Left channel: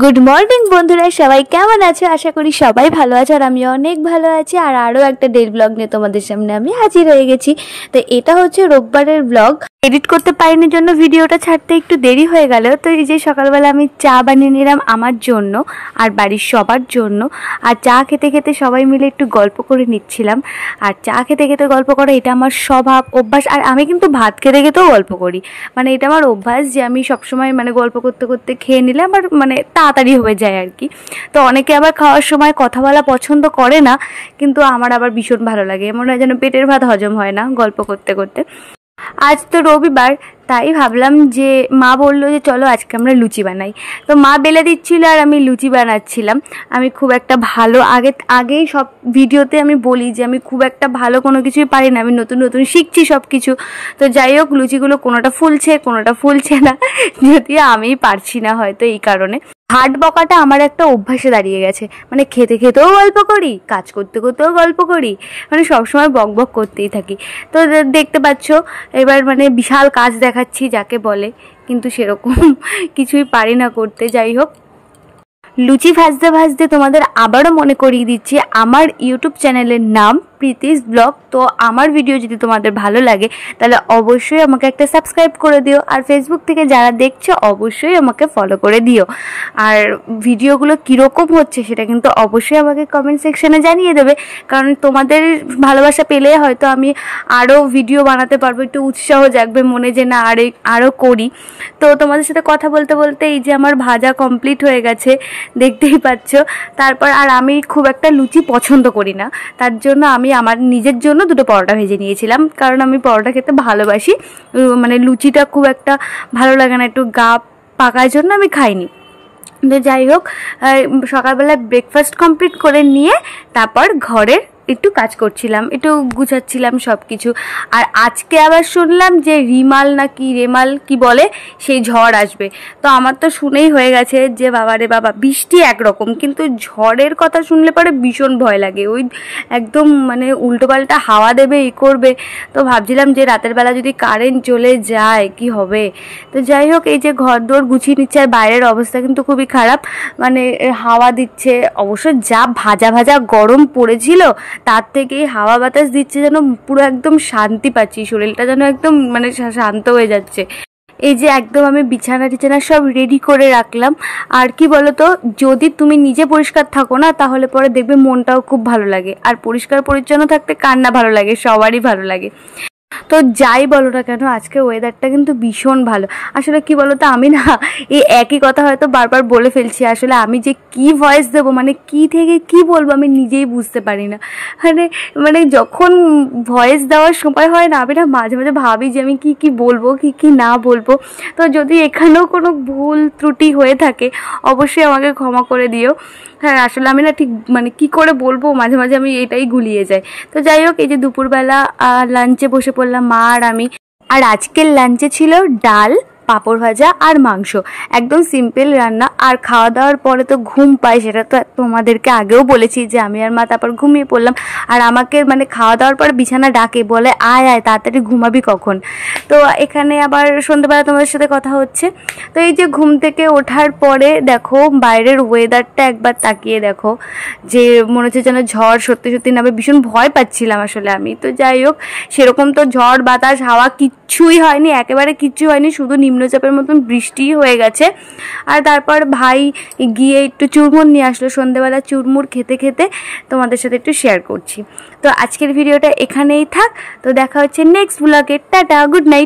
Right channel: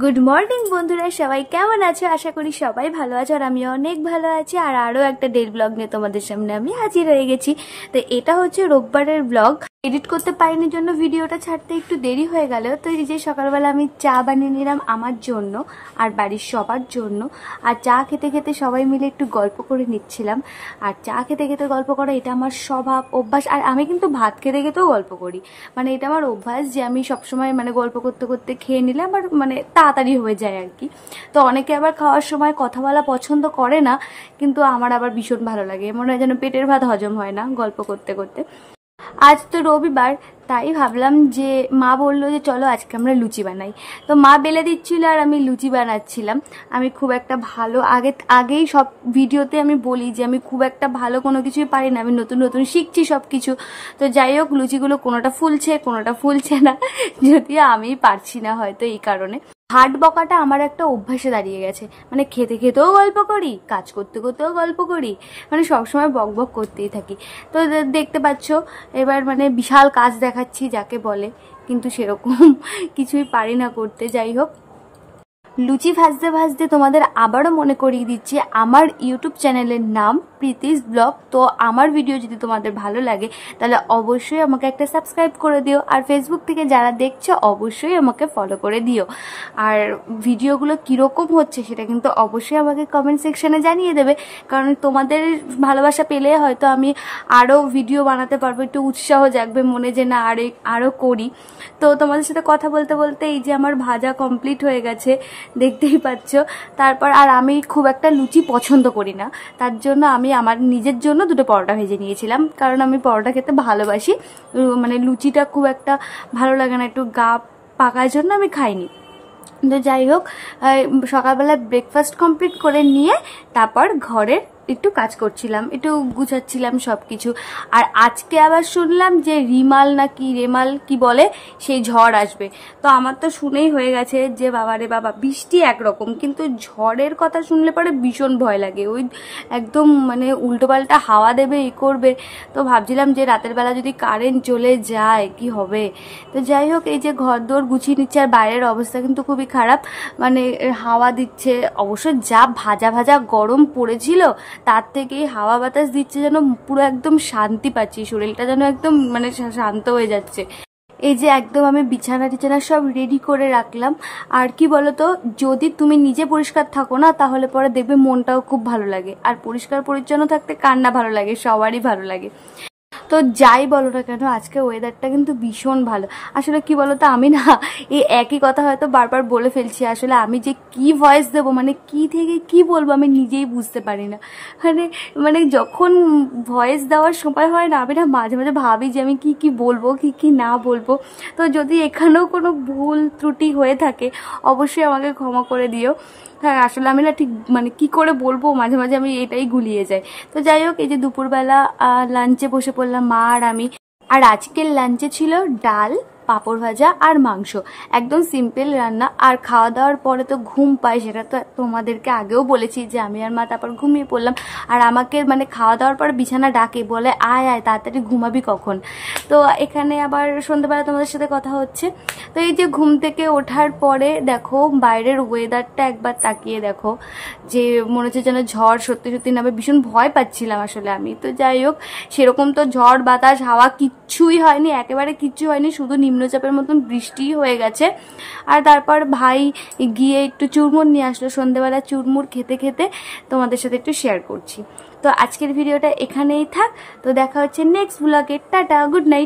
Good morning বন্ধুরা, সবাই কেমন আছো? আশা করি সবাই ভালো আছো আর আমি অনেক ভালো আছি। আর আরও একটা ডেইলি ব্লগ নিয়ে তোমাদের সামনে আমি হাজির হয়ে গেছি। তো এটা হচ্ছে রোববারের ব্লগ। এডিট করতে পারিনি জন্য ভিডিওটা ছাড়তে একটু দেরি হয়ে গেল। তো এই যে সকালবেলা আমি চা বানিয়ে নিলাম আমার জন্য আর বাড়ির সবার জন্য। আর চা খেতে খেতে সবাই মিলে একটু গল্প করে নিচ্ছিলাম। আর চা খেতে খেতে গল্প করা এটা আমার স্বভাব, অভ্যাস। আর আমি কিন্তু ভাত খেতে খেতেও গল্প করি, মানে এটা আমার অভ্যাস যে আমি সবসময় মানে গল্প করতে করতে খেয়ে নিলে আমার মানে তাড়াতাড়ি হয়ে যায় আর কি। তো অনেকে আবার খাওয়ার সময় কথা বলা পছন্দ করে না, কিন্তু আমার আবার ভীষণ ভালো লাগে। মনে হয় যেন পেটের ভাত হজম হয় না গল্প করতে করতে। আজ তো রবিবার, তাই ভাবলাম যে মা বললো যে চলো আজকে আমরা লুচি বানাই। তো মা বেলে দিচ্ছিল আর আমি লুচি বানাচ্ছিলাম। আমি খুব একটা ভালো আগেই সব ভিডিওতে আমি বলি যে আমি খুব একটা ভালো কোনো কিছুই পারি না, আমি নতুন নতুন শিখছি সব কিছু। তো যাই হোক, লুচিগুলো কোনোটা ফুলছে না, যদিও আমিই পারছি না হয়তো এই কারণে। হাট বকাটা আমার একটা অভ্যাসে দাঁড়িয়ে গেছে, মানে খেতে খেতেও গল্প করি, কাজ করতে করতেও গল্প করি, মানে সবসময় বক বক করতেই থাকি। তো দেখতে পাচ্ছ এবার মানে বিশাল কাজ দেখাচ্ছি যাকে বলে, কিন্তু সেরকম কিছুই পারি না করতে। যাই হোক, লুচি ভাজতে ভাজতে তোমাদের আবারও মনে করিয়ে দিচ্ছি আমার ইউটিউব চ্যানেলের নাম প্রীতিস ব্লগ। তো আমার ভিডিও যদি তোমাদের ভালো লাগে তাহলে অবশ্যই আমাকে একটা সাবস্ক্রাইব করে দিও। আর ফেসবুক থেকে যারা দেখছো অবশ্যই আমাকে ফলো করে দিও। আর ভিডিওগুলো কীরকম হচ্ছে সেটা কিন্তু অবশ্যই আমাকে কমেন্ট সেকশনে জানিয়ে দেবে, কারণ তোমাদের ভালোবাসা পেলে হয়তো আমি আরও ভিডিও বানাতে পারবো, একটু উৎসাহ জাগবে মনে যে না আরও করি। তো তোমাদের সাথে কথা বলতে বলতে এই যে আমার ভাজা কমপ্লিট হয়ে গেছে, দেখতেই পাচ্ছ। তারপর আর আমি খুব একটা লুচি পছন্দ করি না, তার জন্য আমি আমার নিজের জন্য দুটো পরোটা ভেজে নিয়েছিলাম, কারণ আমি পরোটা খেতে ভালোবাসি। মানে লুচিটা খুব একটা ভালো লাগে না, একটু গা পাকার জন্য আমি খাইনি। তো যাই হোক, সকালবেলা ব্রেকফাস্ট কমপ্লিট করে নিয়ে তারপর ঘরের একটু কাজ করছিলাম, একটু গুছাচ্ছিলাম সব কিছু। আর আজকে আবার শুনলাম যে রেমাল কি বলে সেই ঝড় আসবে। তো আমার তো শুনেই হয়ে গেছে যে বাবা রে বাবা, বৃষ্টি একরকম, কিন্তু ঝড়ের কথা শুনলে পরে ভীষণ ভয় লাগে। ওই একদম মানে উল্টোপাল্টা হাওয়া দেবে, করবে। তো ভাবছিলাম যে রাতের বেলা যদি কারেন্ট চলে যায় কি হবে। তো যাই হোক, এই যে ঘর দোর গুছিয়ে নিচ্ছে, আর বাইরের অবস্থা কিন্তু খুবই খারাপ, মানে হাওয়া দিচ্ছে। অবশ্য যা ভাজা ভাজা গরম পড়েছিল তার থেকে হাওয়া বাতাস দিচ্ছে, যেন পুরো একদম শান্তি পাচ্ছি, শরীরটা যেন একদম মানে শান্ত হয়ে যাচ্ছে। এই যে একদম আমি বিছানা টিছানা সব রেডি করে রাখলাম। আর কি বলতো, যদি তুমি নিজে পরিষ্কার থাকো না তাহলে পরে দেখবে মনটাও খুব ভালো লাগে। আর পরিষ্কার পরিচ্ছন্ন থাকতে কার না ভালো লাগে, সবারই ভালো লাগে। তো যাই বলো না কেন, আজকে ওয়েদারটা কিন্তু ভীষণ ভালো। আসলে কি বলতো, আমি না এই একই কথা হয়তো বারবার বলে ফেলছি। আসলে আমি যে কি ভয়েস দেবো, মানে কি থেকে কি বলবো আমি নিজেই বুঝতে পারি না। মানে যখন ভয়েস দেওয়ার সময় হয় না, আমি না মাঝে মাঝে ভাবি যে আমি কি বলবো, কি না বলবো। তো যদি এখানেও কোনো ভুল ত্রুটি হয়ে থাকে অবশ্যই আমাকে ক্ষমা করে দিও। হ্যাঁ, আসলে আমি না ঠিক মানে কি করে বলবো, মাঝে মাঝে আমি এটাই গুলিয়ে যাই। তো যাই হোক, এই যে দুপুরবেলা লাঞ্চে বসে পড়লাম মা আর আমি। আর আজকের লাঞ্চে ছিল ডাল, পাঁপড় ভাজা আর মাংস, একদম সিম্পল রান্না। আর খাওয়া দাওয়ার পরে তো ঘুম পাই, সেটা তো তোমাদেরকে আগেও বলেছি যে আমি আর মা তারপর ঘুমিয়ে পড়লাম। আর আমাকে মানে খাওয়া দাওয়ার পরে বিছানা ডাকে, বলে আয় তাড়াতাড়ি ঘুমাবি কখন। তো এখানে আবার সন্ধ্যেবেলা তোমাদের সাথে কথা হচ্ছে। তো এই যে ঘুম থেকে ওঠার পরে দেখো বাইরের ওয়েদারটা একবার তাকিয়ে দেখো, যে মনে হচ্ছে যেন ঝড় সত্যি সত্যি নামে। ভীষণ ভয় পাচ্ছিলাম আসলে আমি। তো যাই হোক, সেরকম তো ঝড় বাতাস হাওয়া কিচ্ছুই হয়নি, একেবারে কিচ্ছু হয়নি, শুধু নিম্নচাপের মতন বৃষ্টি হয়ে গেছে। আর তারপর ভাই গিয়ে একটু চুরমুর নিয়ে আসলো, সন্ধ্যেবেলা চুরমুর খেতে খেতে তোমাদের সাথে একটু শেয়ার করছি। তো আজকের ভিডিওটা এখানেই থাক, তো দেখা হচ্ছে নেক্সট ব্লগে। Tata, good night.